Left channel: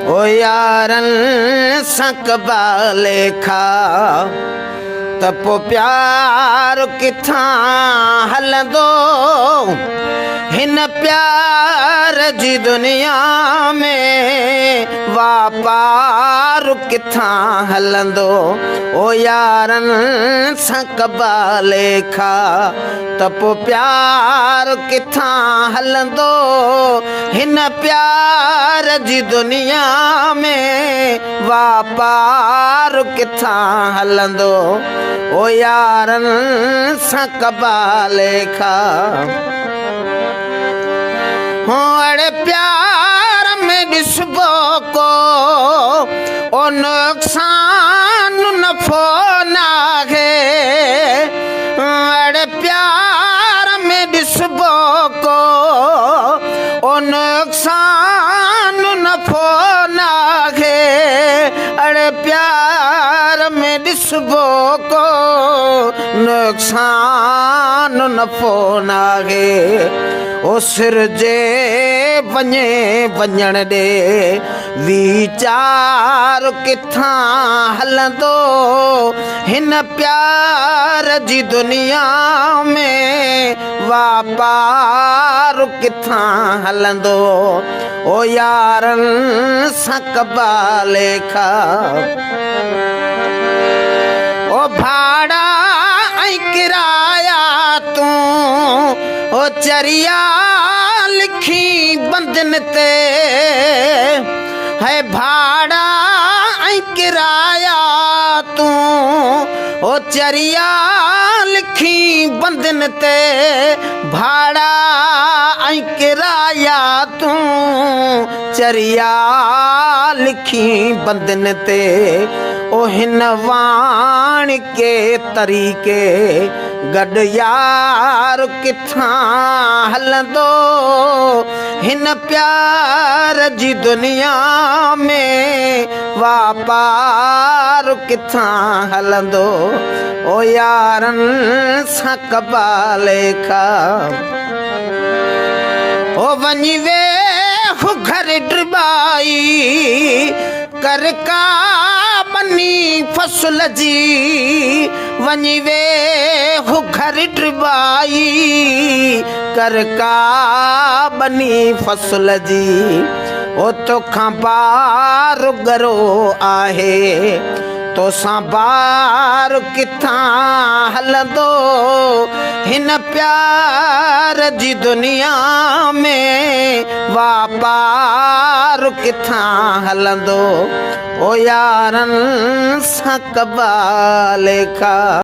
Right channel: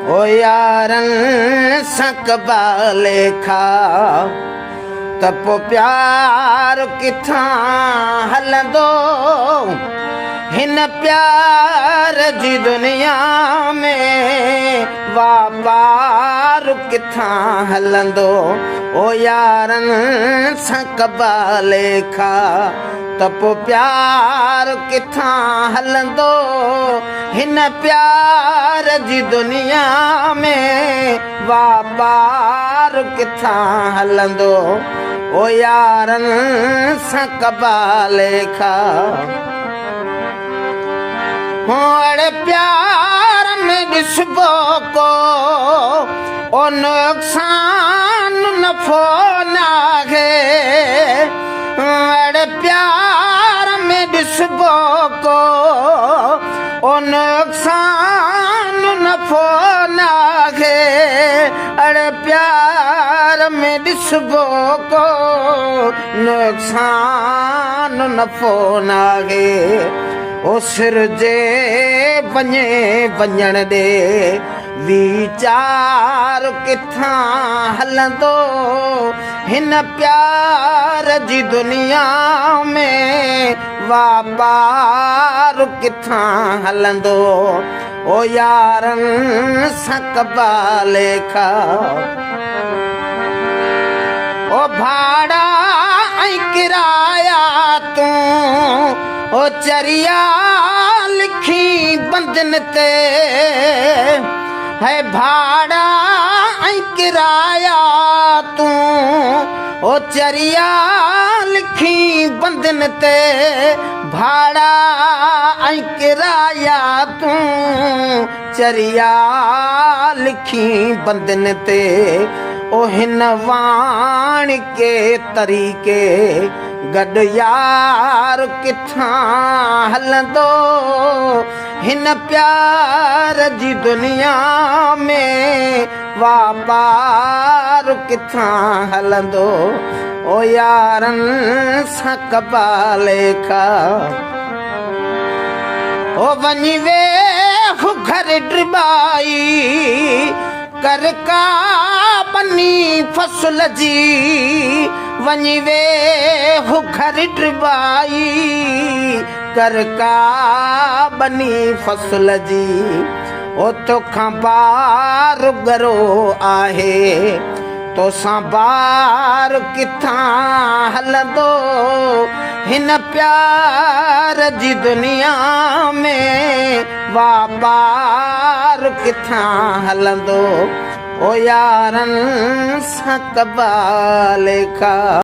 ओ यारनि सां कबा लेखा त पोइ प्यार किथां हलंदो। हिन प्यार जी दुनिया में वापार किथां हलंदो। ओ यारनि सां कबा लेखा त पोइ प्यार किथां हलंदो। हिन प्यार जी दुनिया में वापार किथां हलंदो। ओ यारनि सां कबा लेखा हो अड़े प्यार में ॾिसबो को ओ नुक़सान नफ़ो नाहे। अड़े प्यार में ॾिसबो को ओ नुक़सान नफ़ो नाहे। अड़े प्यार में ॾिसबो को नुक़सान नफ़ो नाहे। ओ सिर जे वञे वञण ॾे वीचार किथां हलंदो। हिन प्यार जी दुनिया में वापार किथां हलंदो। ओ यारनि सां कबा लेखा ओ भाड़ा ऐं किराया तूं ओ चरिया लिखी बंधन ते है। भाड़ा ऐं किराया तूं ओ चरिया लिखी बंधन ते। भाड़ा ऐं किराया तूं चरिया लिखी बंधन ते। ओ हिन वाण के तरीक़े गॾु यार किथां हलंदो। हिन प्यार जी दुनिया में वापार किथां हलंदो। ओ यारनि सां कबा लेखा ओ वञी वेह घर ड्रिबाई कर का बनी फसल जी। वञी वेह घर ड्रिबाई कर का बनी फसल जी। ओ तोखां बार गरो आहे तोसां बार किथां हलंदो। हिन प्यार जी दुनिया में वापार किथां हलंदो। ओ यारनि सां कबा लेखा।